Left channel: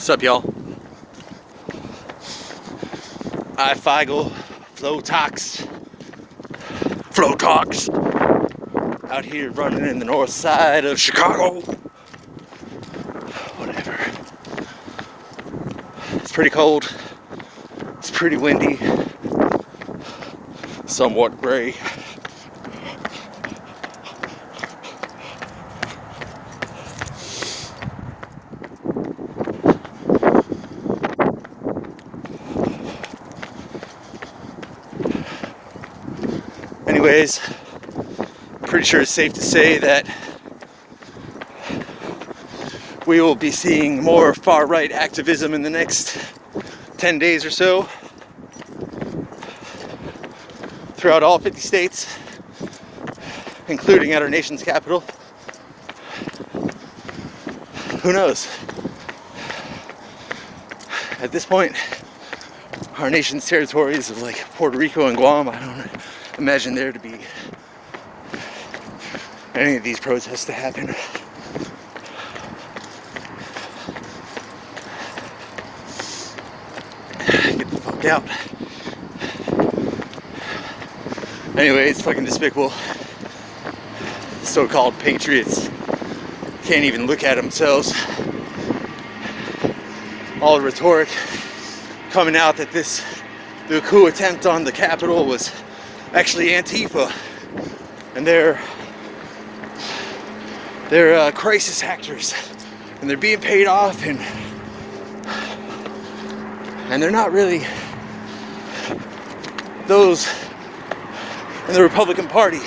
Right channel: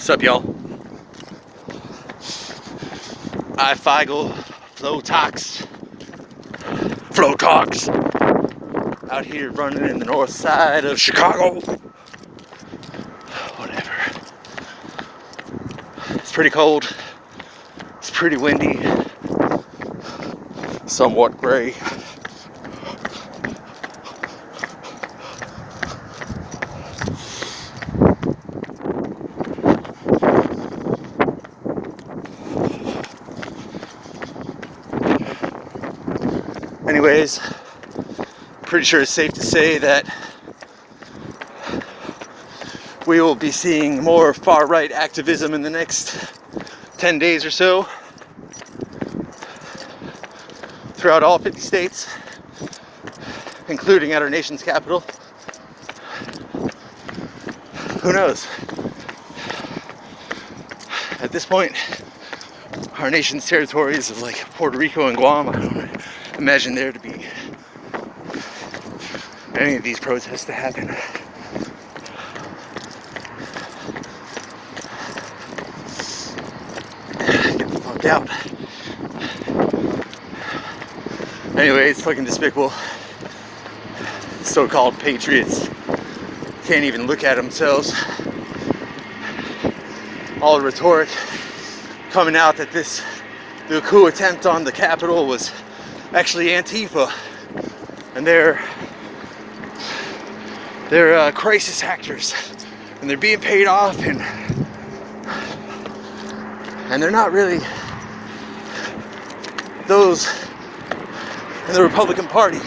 What's up, y'all? ifeigle, FLOWTOX, out here running in the north side of Chicago. Whatever. It's pretty cold. It's pretty windy. Somewhat gray. Anyways, pretty sure it's safe to say that we will be seeing more far-right activism in the next 10 days or so throughout all 50 states, including at our nation's capital. Who knows? At this point, our nation's territories of like Puerto Rico and Guam, I don't imagine there to be any of these protests to happen. Get the fuck out. Anyway, it's fucking despicable. So-called patriots can't even look at themselves. All the rhetoric coming out that the coup attempt on the Capitol was actually Antifa, and they're crisis actors, and they're being paid off, and they're not really those in the Republican Party,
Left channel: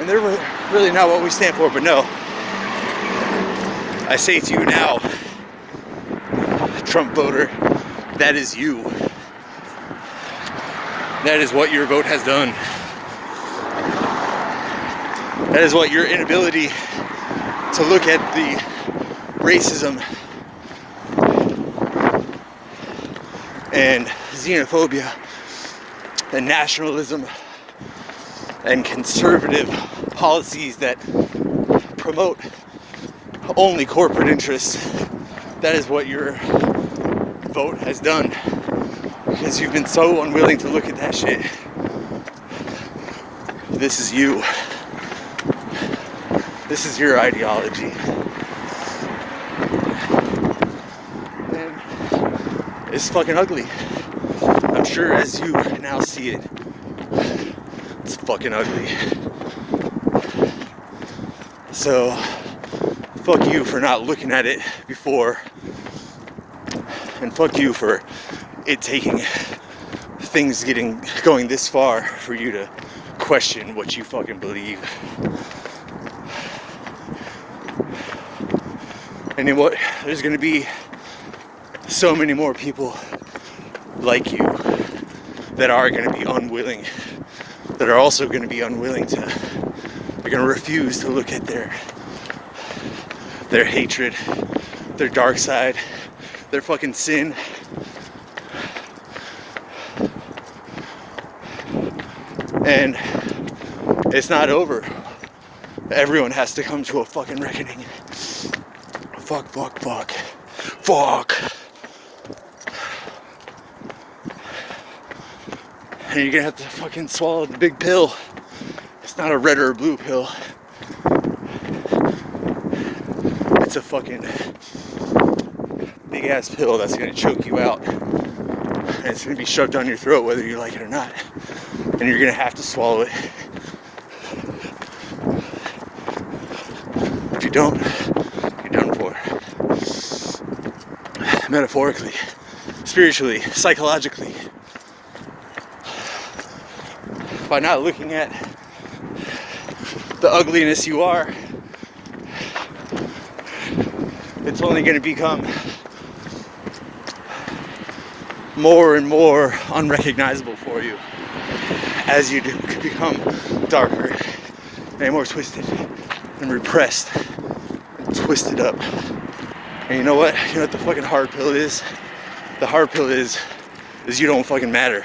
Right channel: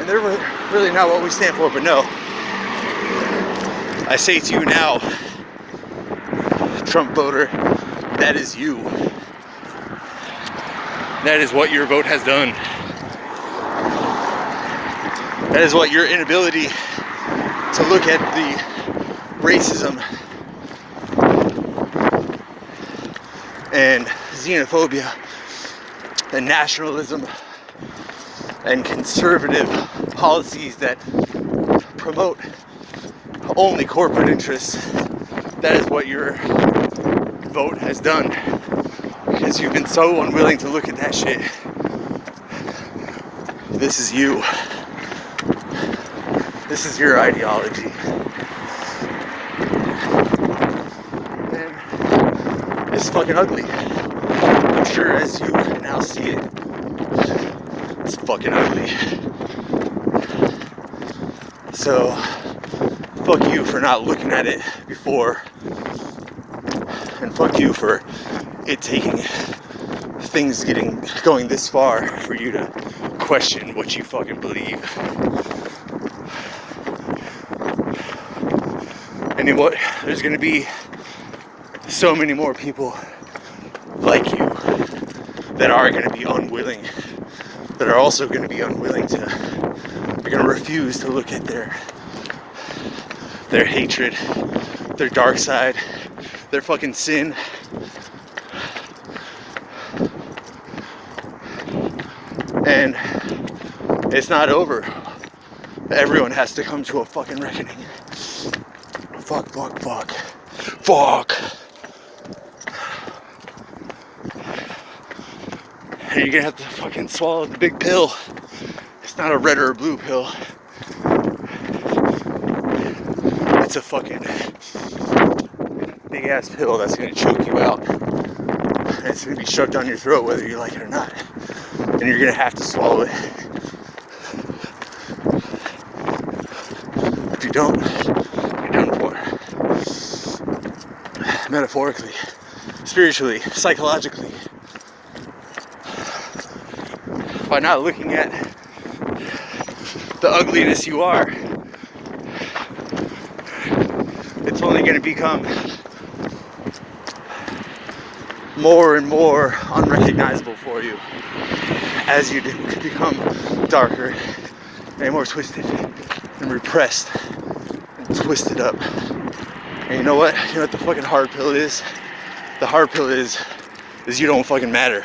and they're really not what we stand for. But no, I say to you now, Trump voter, that is you. That is what your vote has done. That is what your inability to look at the racism and xenophobia and nationalism and conservative policies that promote only corporate interests. That is what your vote has done. Because you've been so unwilling to look at that shit. This is you. This is your ideology. And it's fucking ugly. I'm sure as you now see it, it's fucking ugly. So, fuck you for not looking at it before. And fuck you for it taking things going this far for you to question what you fucking believe. And you know what? There's gonna be so many more people like you that are gonna be unwilling, that are also gonna be unwilling to, they're gonna refuse to look at their hatred, their dark side, their fucking sin. And it's not over. Everyone has to come to a fucking reckoning. Fuck. And you're gonna have to fucking swallow the big pill. It's not a red or a blue pill. It's a fucking big ass pill that's gonna choke you out. And it's gonna be shoved down your throat whether you like it or not. And you're gonna have to swallow it. If you don't, you're done for. Metaphorically, spiritually, psychologically. By not looking at the ugliness you are, it's only gonna become more and more unrecognizable for you as you become darker and more twisted and repressed and twisted up. And you know what? You know what the fucking hard pill is? The hard pill is you don't fucking matter.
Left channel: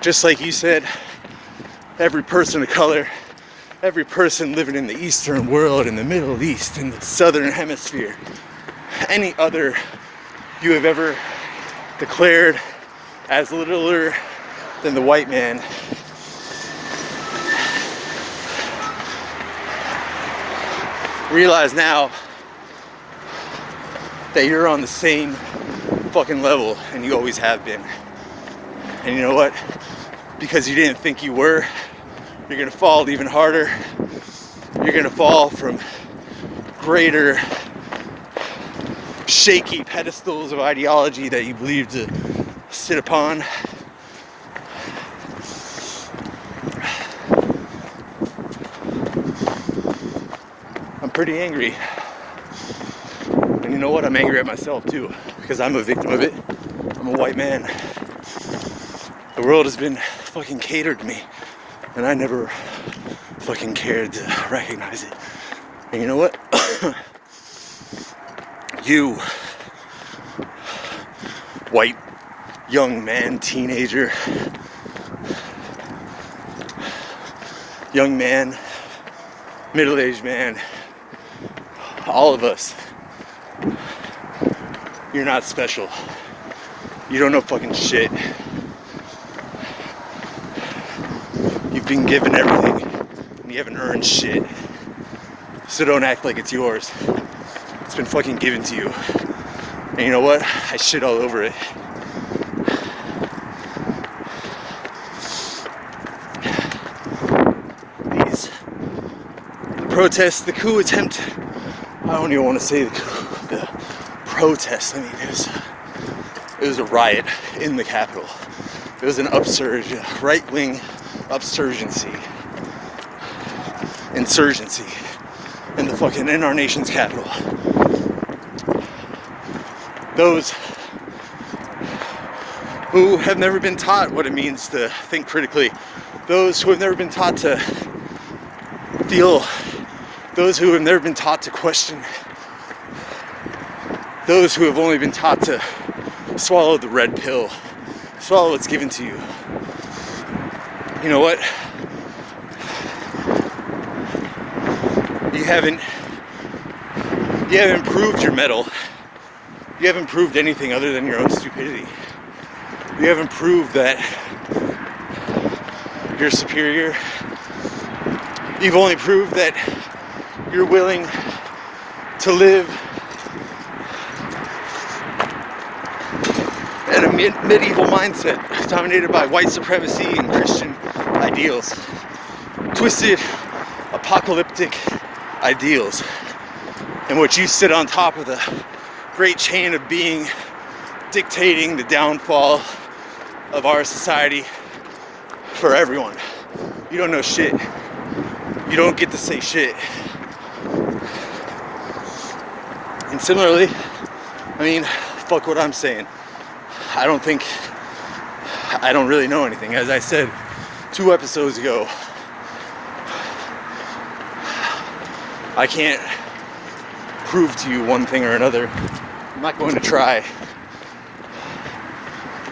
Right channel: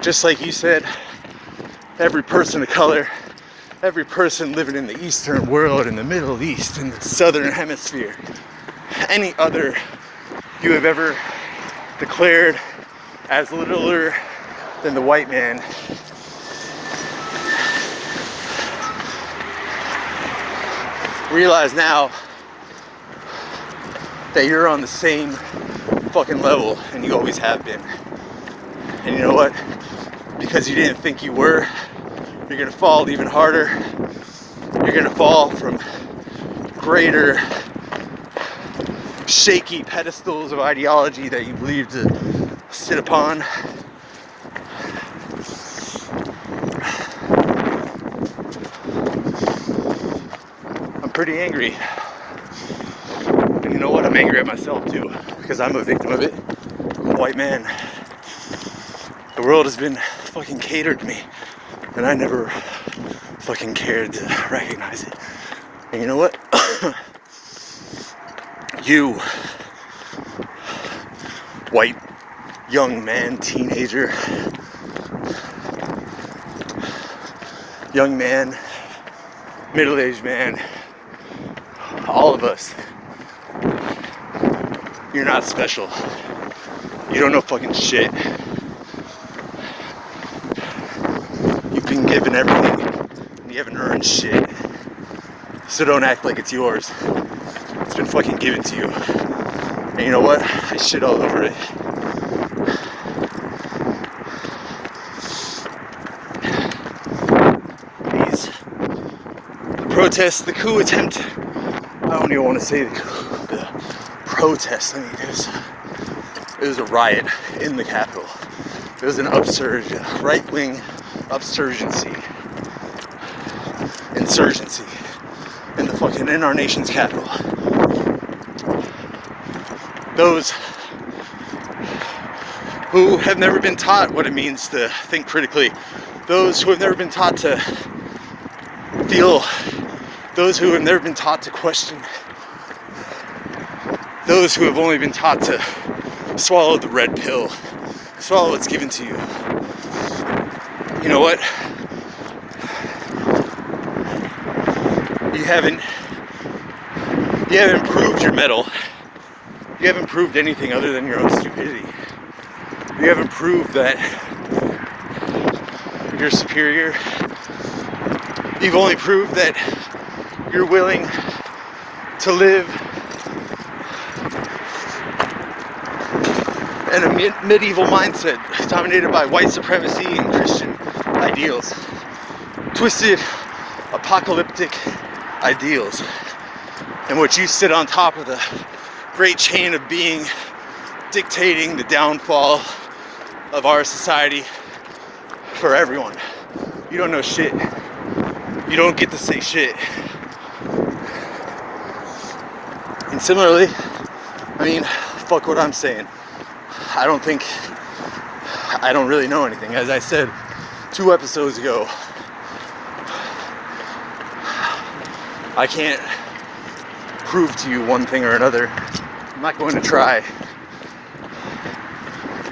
Just like you said, every person of color, every person living in the Eastern world, in the Middle East, in the Southern Hemisphere, any other you have ever declared as littler than the white man, realize now that you're on the same fucking level, and you always have been. And you know what? Because you didn't think you were, you're gonna fall even harder. You're gonna fall from greater shaky pedestals of ideology that you believe to sit upon. I'm pretty angry. And you know what? I'm angry at myself too, because I'm a victim of it. I'm a white man. The world has been fucking catered to me, and I never fucking cared to recognize it. And you know what? You, white, young man, teenager, young man, middle-aged man, all of us, you're not special. You don't know fucking shit. You've been given everything, and you haven't earned shit. So don't act like it's yours. It's been fucking given to you. And you know what? I shit all over it. These protests, the coup attempt, I don't even want to say the protest. I mean, it was a riot in the Capitol. It was an upsurge, right-wing insurgency in our nation's capital. Those who have never been taught what it means to think critically, those who have never been taught to feel, those who have never been taught to question, those who have only been taught to swallow the red pill, swallow what's given to you. You know what? You haven't proved your mettle. You haven't proved anything other than your own stupidity. You haven't proved that you're superior. You've only proved that you're willing to live in a medieval mindset dominated by white supremacy and Christian ideals. Twisted, apocalyptic ideals, in which you sit on top of the great chain of being, dictating the downfall of our society for everyone. You don't know shit. You don't get to say shit. And similarly, I mean, fuck what I'm saying. I don't really know anything. As I said 2 episodes ago, I can't prove to you one thing or another. I'm not going to try.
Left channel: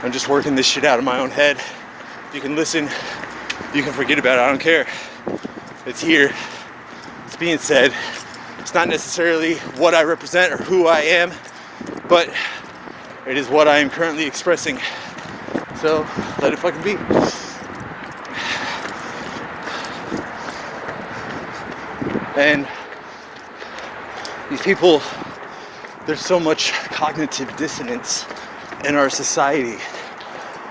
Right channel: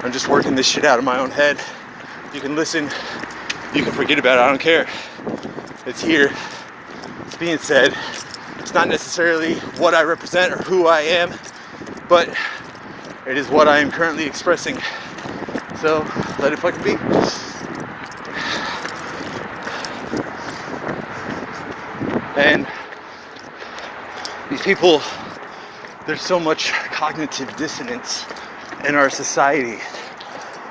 I'm just working this shit out of my own head. You can listen, you can forget about it, I don't care. It's here. It's being said. It's not necessarily what I represent or who I am, but it is what I am currently expressing. So let it fucking be. And these people, there's so much cognitive dissonance in our society.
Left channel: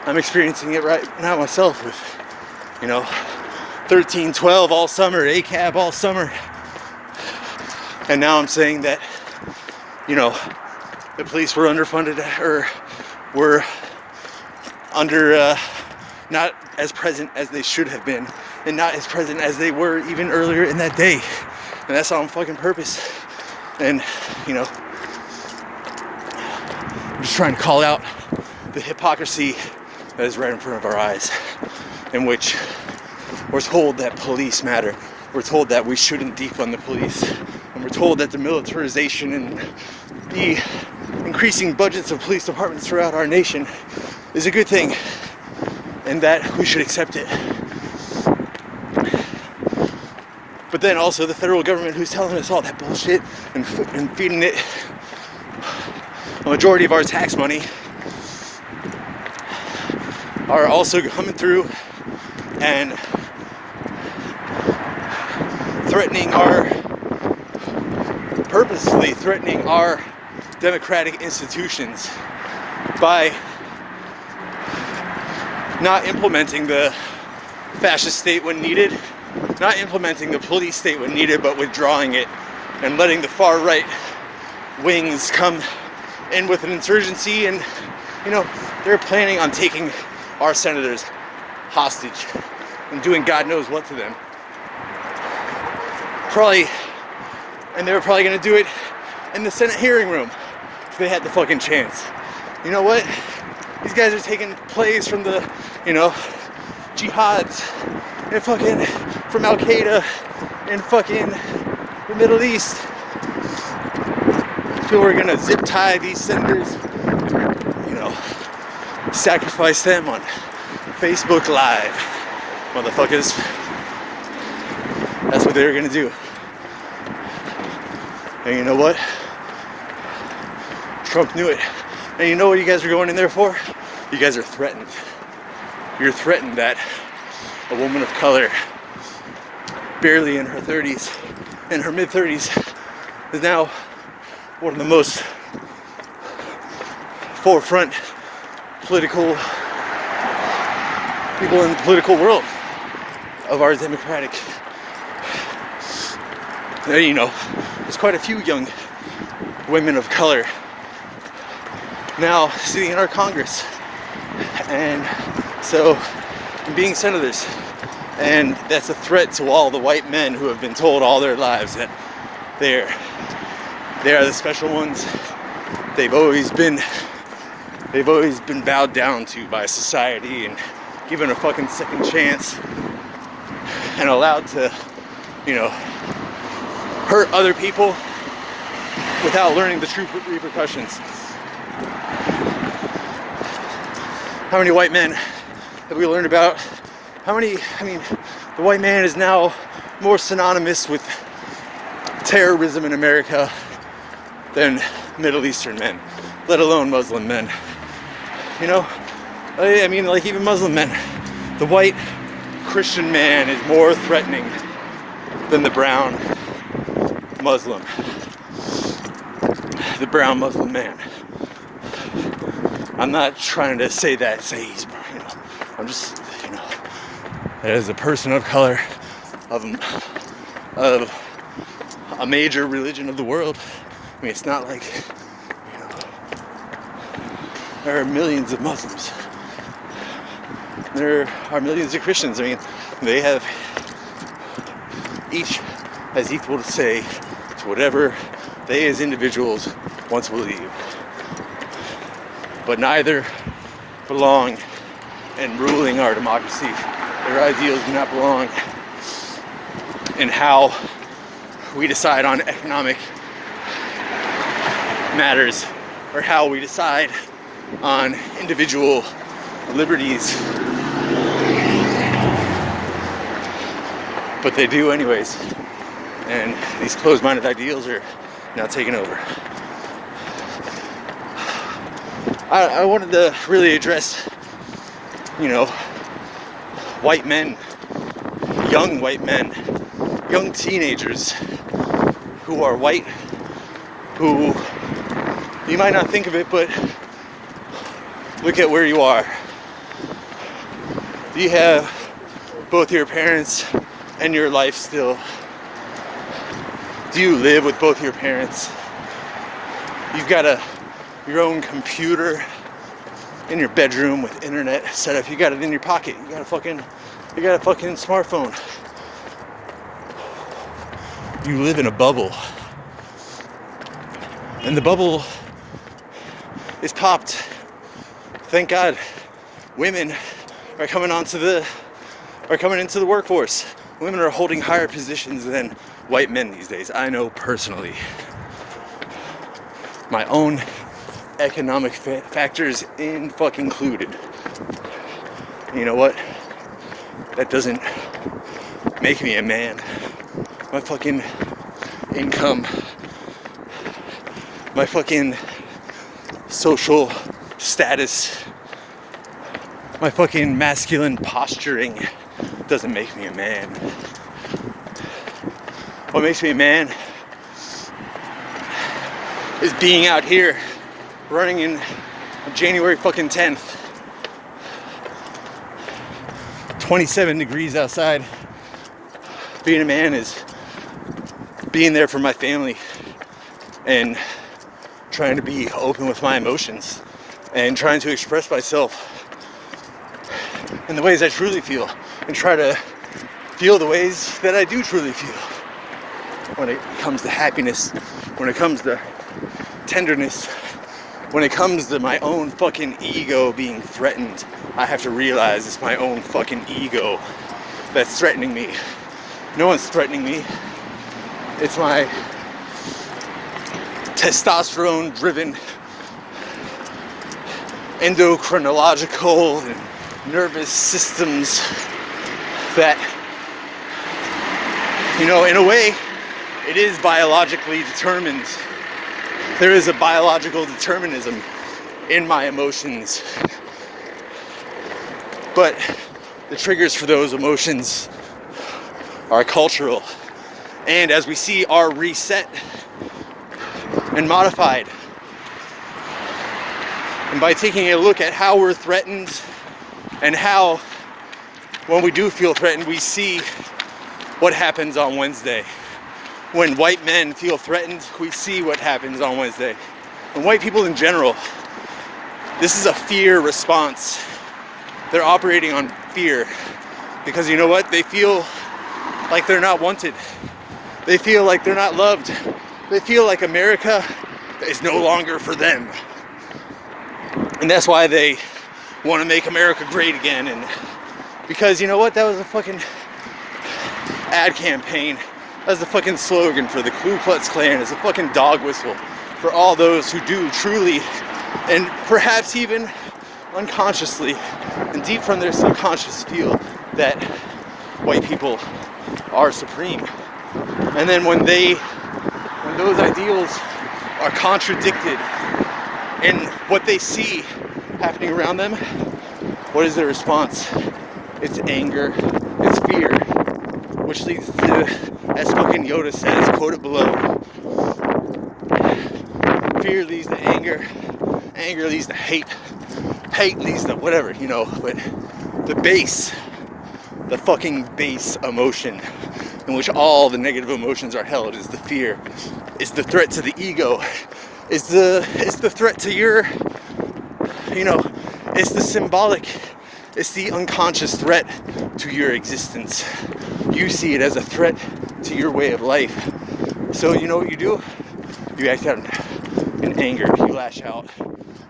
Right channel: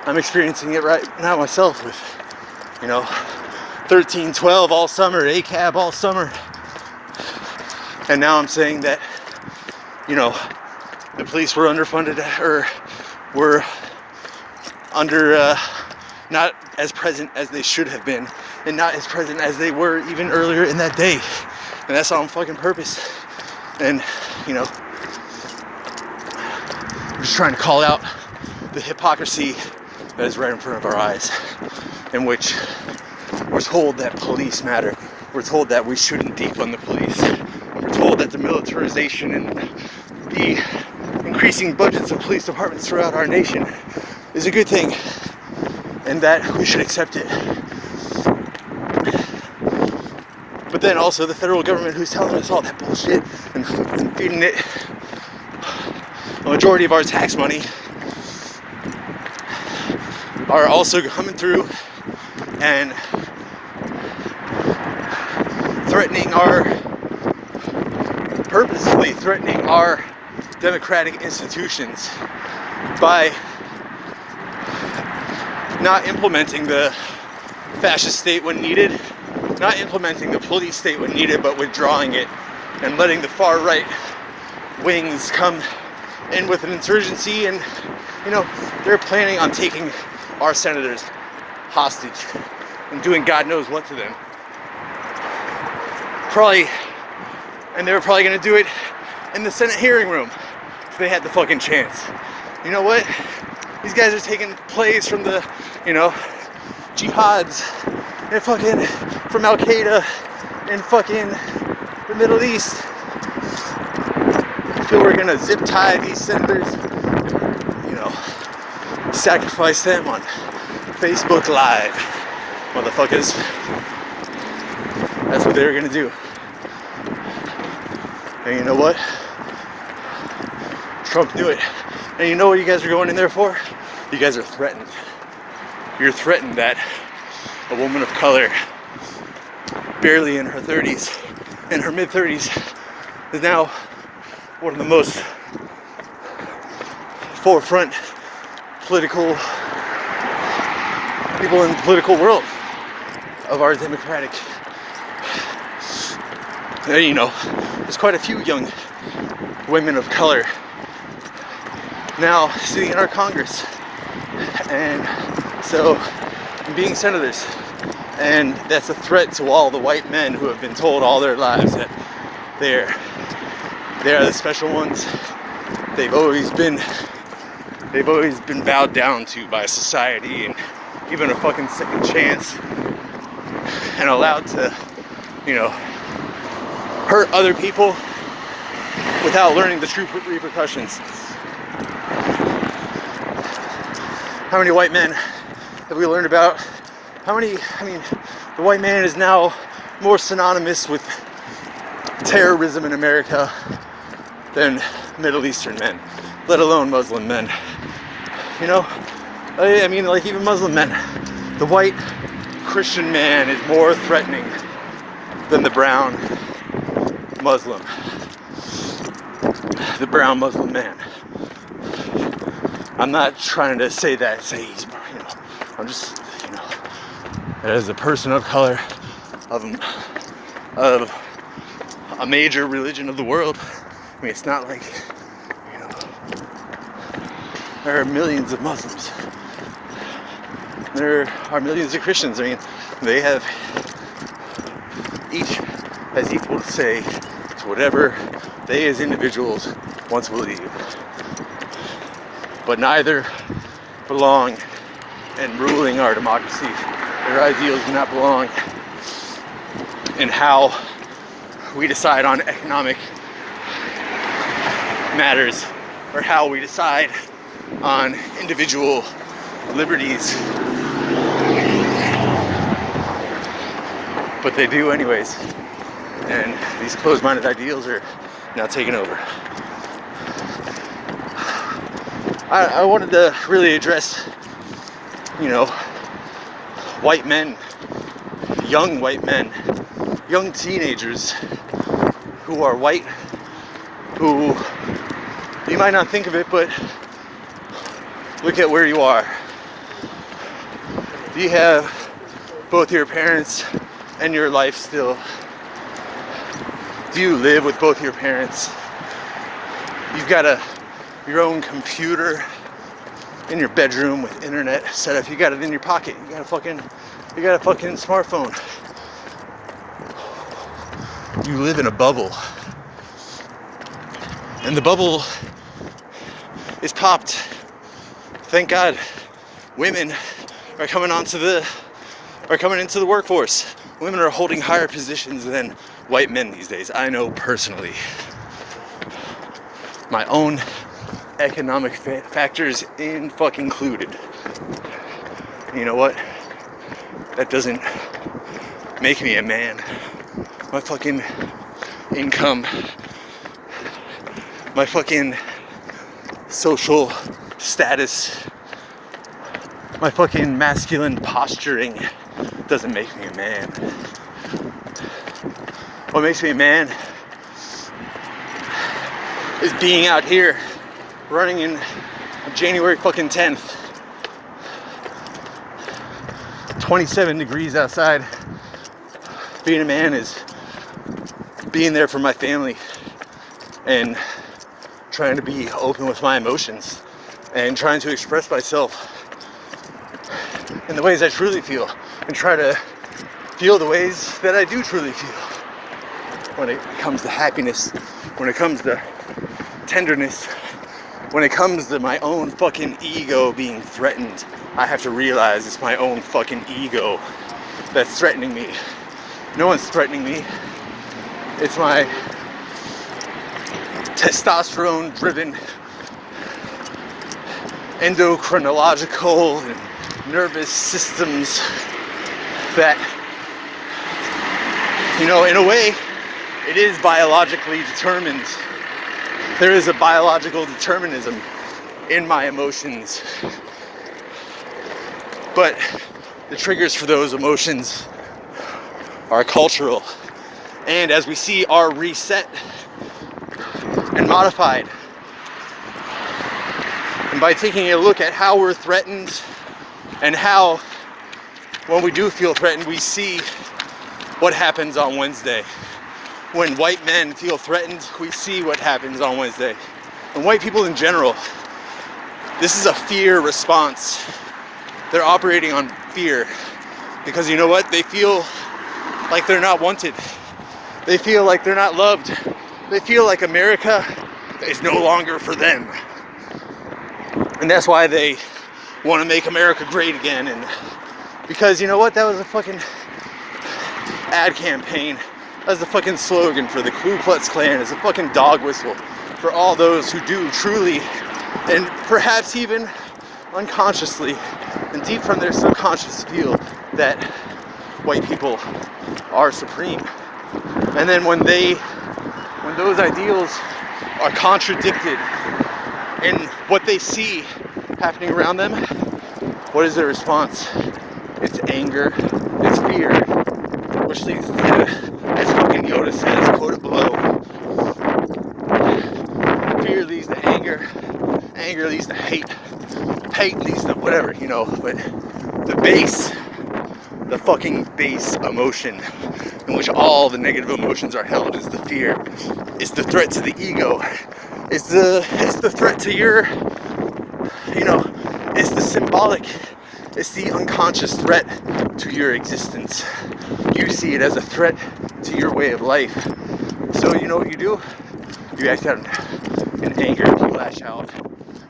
I'm experiencing it right now myself with, 13, 12 all summer, ACAB all summer. And now I'm saying that, the police were underfunded or were under, not as present as they should have been, and not as present as they were even earlier in that day. And that's on fucking purpose. And, I'm just trying to call out the hypocrisy that is right in front of our eyes, in which we're told that police matter. We're told that we shouldn't defund the police. And we're told that the militarization and the increasing budgets of police departments throughout our nation is a good thing, and that we should accept it. But then also the federal government, who's telling us all that bullshit and feeding it a majority of our tax money are also coming through and purposely threatening our democratic institutions by not implementing the fascist state when needed, not implementing the police state when needed, but withdrawing it and letting the far right wings come in with an insurgency. And they're planning on taking our senators hostage and doing God knows what to them. And they were probably going to do it in the Senate hearing room if they had the fucking chance. You know what? These guys are taking plays from the, jihads and fucking from Al Qaeda in fucking the Middle East. So we're gonna zip tie these senators, sacrifice them on Facebook Live, motherfuckers. That's what they were gonna do. And you know what? Trump knew it. And you know what you guys are going in there for? You guys are threatened. You're threatened that a woman of color, barely in her 30s, in her mid-30s, is now one of the most forefront political people in the political world of our democratic. There's quite a few young women of color now sitting in our Congress, and so being senators, and that's a threat to all the white men who have been told all their lives that they are the special ones. They've always been bowed down to by society and given a fucking second chance and allowed to, hurt other people without learning the true repercussions. How many white men have we learned about? The white man is now more synonymous with terrorism in America than Middle Eastern men, let alone Muslim men. Even Muslim men. The white Christian man is more threatening than the brown Muslim. The brown Muslim man. I'm not trying to say he's, I'm just, as a person of color, of a major religion of the world. It's not like, there are millions of Muslims. There are millions of Christians. They have, each has equal to say to whatever they as individuals want to believe. But neither belong in ruling our democracy. Their ideals do not belong in how we decide on economic matters or how we decide on individual liberties. But they do anyways. And these closed-minded ideals are now taking over. I wanted to really address, white men, young white men, young teenagers who are white, who you might not think of it, but look at where you are. You have both your parents and your life still. Do you live with both your parents? You've got your own computer in your bedroom with internet set up. You got it in your pocket. You got a fucking smartphone. You live in a bubble. And the bubble is popped. Thank God. Women are coming into the workforce. Women are holding higher positions than white men these days. I know personally. My own economic factors included. You know what? That doesn't make me a man. My fucking income, my fucking social status, my fucking masculine posturing doesn't make me a man. What makes me a man is being out here running in January fucking 10th. 27 degrees outside. Being a man is being there for my family and trying to be open with my emotions and trying to express myself in the ways I truly feel and try to feel the ways that I do truly feel. When it comes to happiness, when it comes to tenderness, when it comes to my own fucking ego being threatened, I have to realize it's my own fucking ego that's threatening me. No one's threatening me. It's my testosterone-driven, endocrinological and nervous systems that, you know, in a way, it is biologically determined. There is a biological determinism in my emotions. But the triggers for those emotions are cultural. And as we see, are reset and modified. And by taking a look at how we're threatened and how, when we do feel threatened, we see what happens on Wednesday. When white men feel threatened, we see what happens on Wednesday. And white people in general, this is a fear response. They're operating on fear because you know what? They feel like they're not wanted. They feel like they're not loved. They feel like America is no longer for them. And that's why they want to make America great again. And because you know what? That was a fucking ad campaign. That was the fucking slogan for the Ku Klux Klan. It's a fucking dog whistle for all those who do truly, and perhaps even unconsciously, and deep from their subconscious feel that white people are supreme. And then when those ideals are contradicted in what they see happening around them, what is their response? It's anger, it's fear, which leads to, as fucking Yoda says, quoted below, fear leads to anger, anger leads to hate, hate leads to whatever, you know, but the base, the fucking base emotion in which all the negative emotions are held is the fear. It's the threat to the ego. It's the threat to your, you know, it's the symbolic, it's the unconscious threat to your existence. You see it as a threat to your way of life. So you know what you do? You act out in anger, you lash out.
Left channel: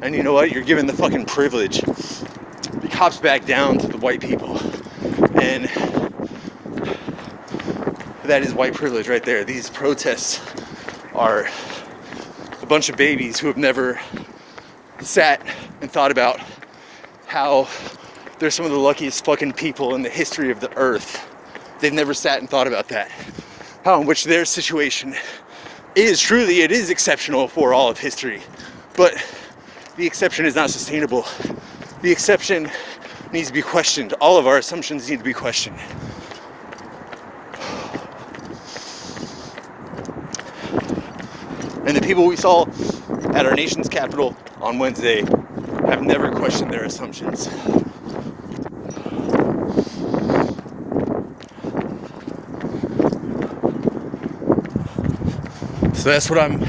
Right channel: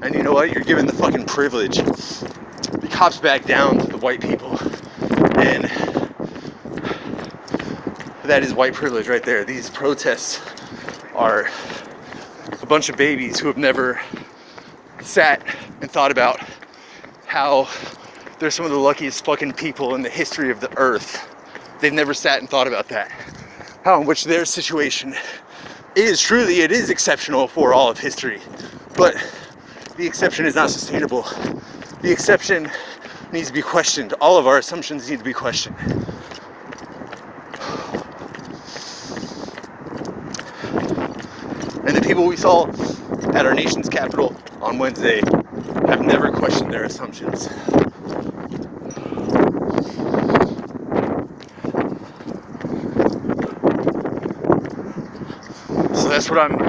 And you know what? You're given the fucking privilege. The cops back down to the white people. And that is white privilege right there. These protests are a bunch of babies who have never sat and thought about how they're some of the luckiest fucking people in the history of the earth. They've never sat and thought about that. How in which their situation is truly, it is exceptional for all of history. But the exception is not sustainable. The exception needs to be questioned. All of our assumptions need to be questioned. And the people we saw at our nation's capital on Wednesday have never questioned their assumptions. So that's what I'm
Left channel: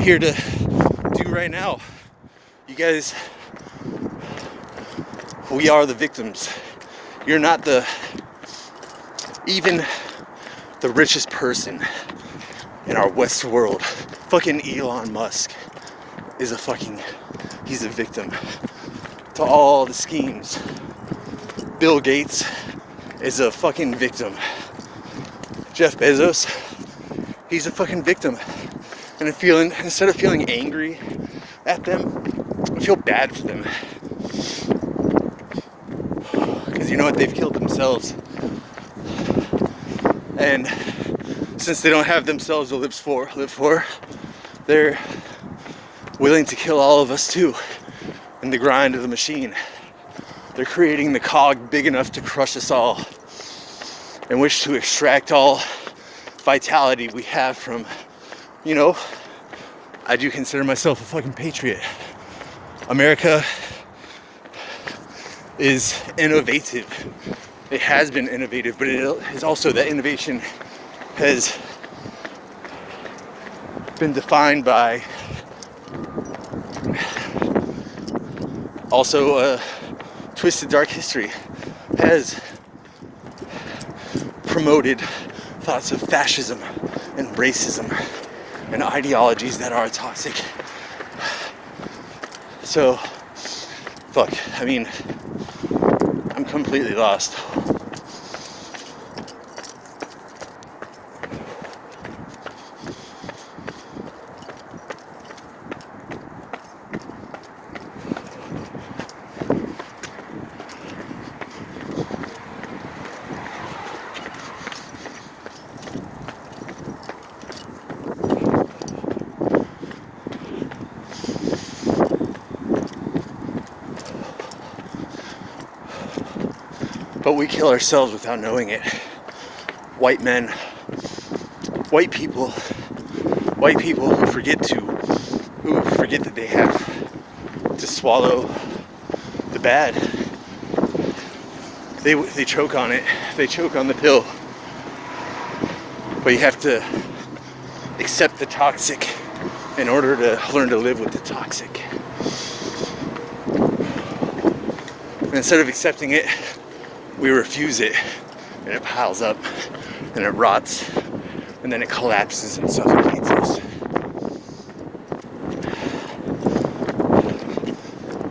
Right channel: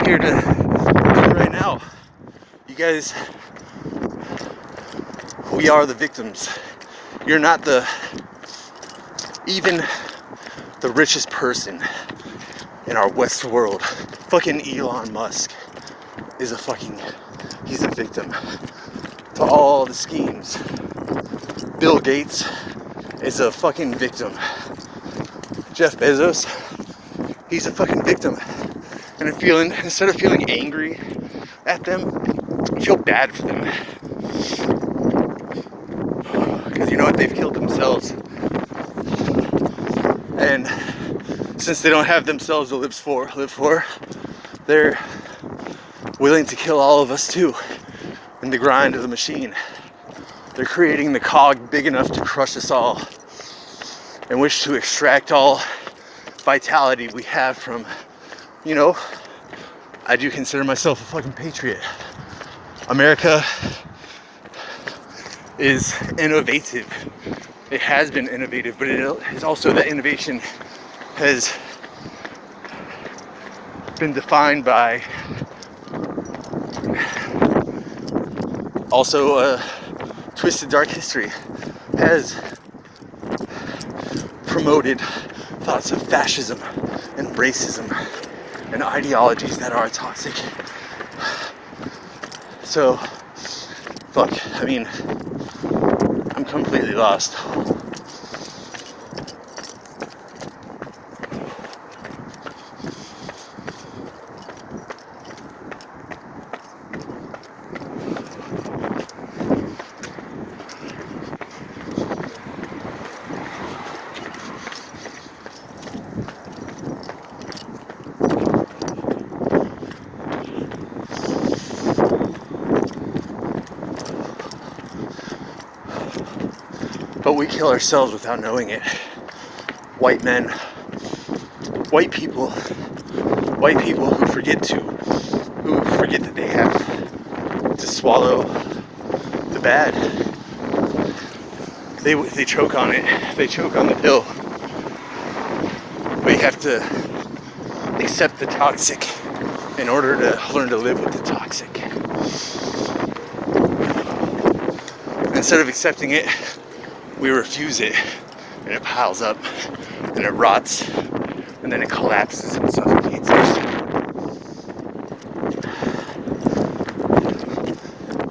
here to do right now. You guys, we are the victims. You're not even the richest person in our West world. Fucking Elon Musk is he's a victim to all the schemes. Bill Gates is a fucking victim. Jeff Bezos, he's a fucking victim. And instead of feeling angry at them, feel bad for them. Because you know what? They've killed themselves. And since they don't have themselves to live for, they're willing to kill all of us too in the grind of the machine. They're creating the cog big enough to crush us all and wish to extract all vitality we have from, you know, I do consider myself a fucking patriot. America is innovative. It has been innovative, but it is also that innovation has been defined by also a twisted dark history, has promoted thoughts of fascism and racism and ideologies that are toxic. So, fuck, I mean, I'm completely lost. But we kill ourselves without knowing it. White men, white people who forget that they have to swallow the bad. They choke on it. They choke on the pill. But you have to accept the toxic in order to learn to live with the toxic. Instead of accepting it, we refuse it, and it piles up, and it rots, and then it collapses and suffocates us.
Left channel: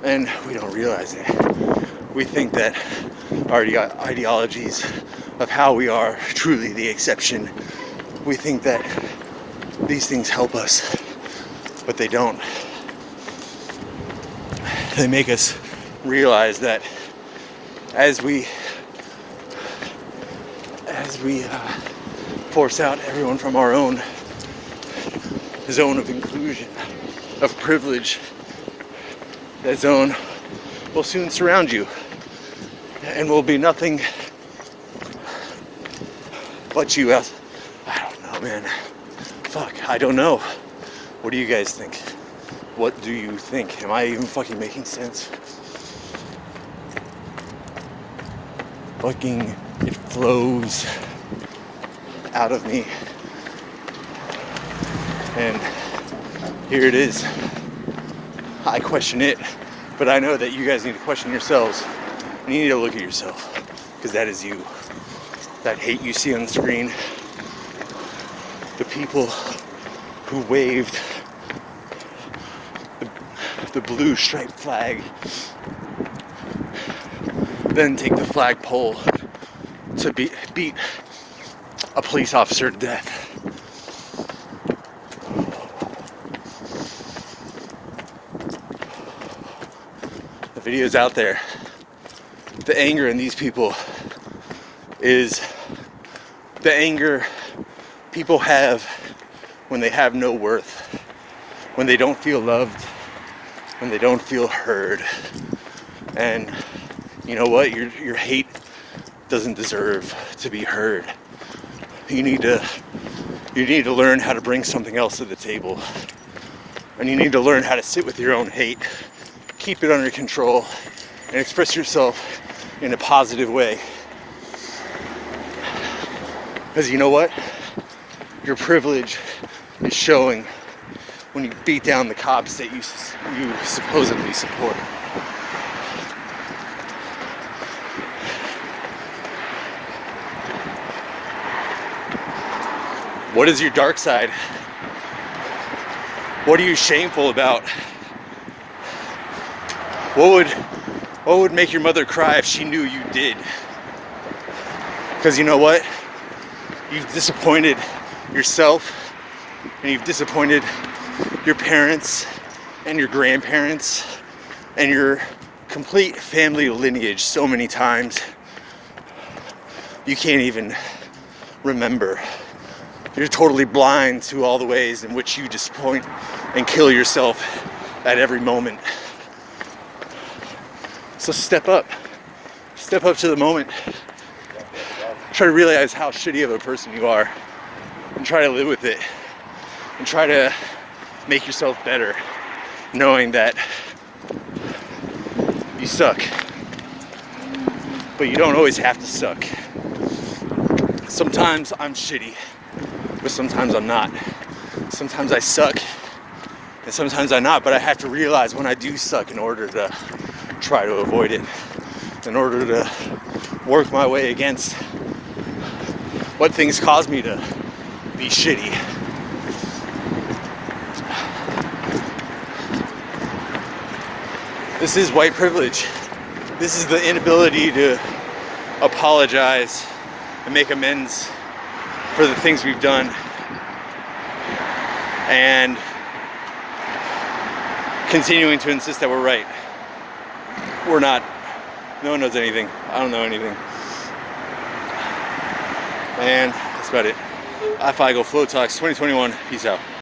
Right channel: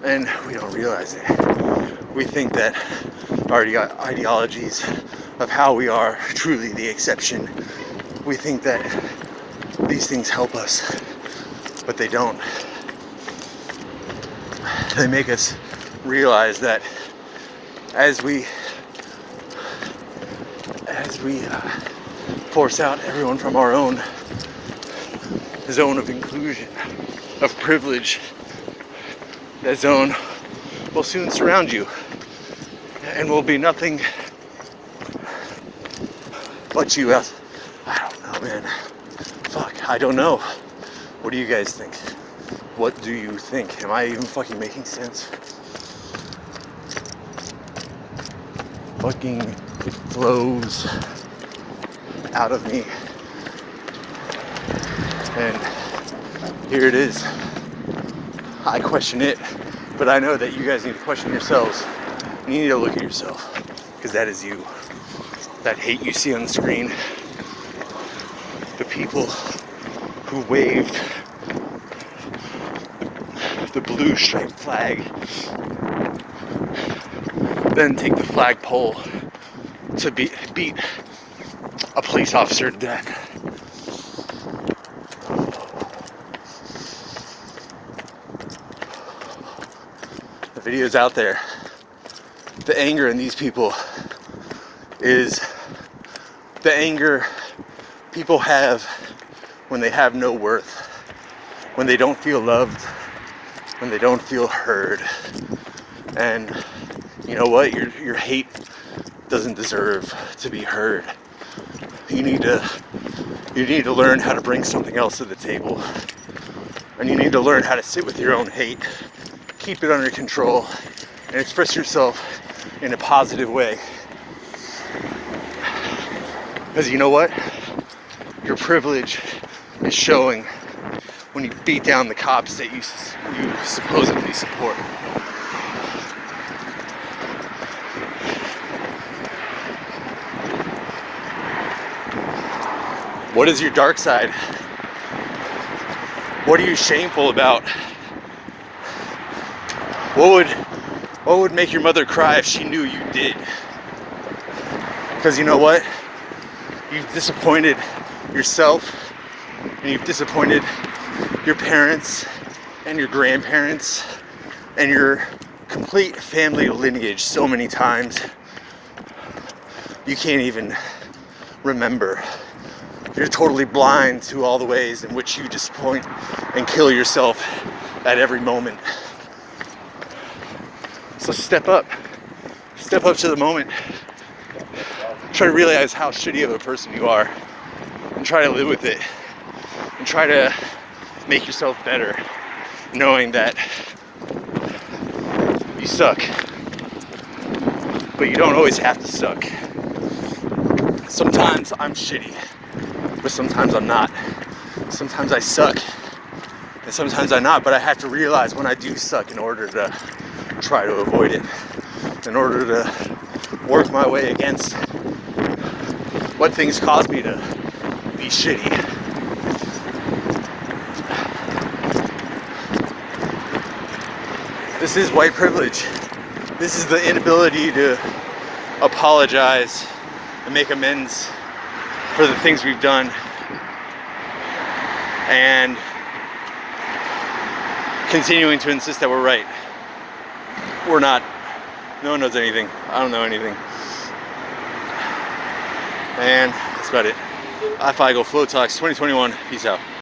And we don't realize it. We think that our ideologies of how we are truly the exception. We think that these things help us, but they don't. They make us realize that as we force out everyone from our own zone of inclusion, of privilege, that zone will soon surround you and will be nothing but you. I don't know, man. Fuck, I don't know. What do you guys think? What do you think? Am I even fucking making sense? Fucking, it flows out of me. And here it is. I question it, but I know that you guys need to question yourselves. You need to look at yourself, because that is you. That hate you see on the screen, the people who waved the blue striped flag, then take the flagpole to beat a police officer to death. The video's out there. The anger in these people is the anger people have when they have no worth, when they don't feel loved, when they don't feel heard. And you know what? Your hate doesn't deserve to be heard. You need to learn how to bring something else to the table. And you need to learn how to sit with your own hate, keep it under control, and express yourself in a positive way. Because you know what? Your privilege is showing when you beat down the cops that you supposedly support. What is your dark side? What are you shameful about? What would make your mother cry if she knew you did? Because you know what? You've disappointed yourself, and you've disappointed your parents and your grandparents and your complete family lineage so many times you can't even remember. You're totally blind to all the ways in which you disappoint and kill yourself at every moment. So step up to the moment. Try to realize how shitty of a person you are and try to live with it and try to make yourself better, knowing that you suck, but you don't always have to suck. Sometimes I'm shitty, but sometimes I'm not. Sometimes I suck, and sometimes I'm not, but I have to realize when I do suck in order to try to avoid it, in order to work my way against what things cause me to be shitty. This is white privilege. This is the inability to apologize and make amends for the things we've done. And continuing to insist that we're right. We're not. No one knows anything. I don't know anything. And that's about it. ifeigle.info, FLOWTOX 2021. Peace out.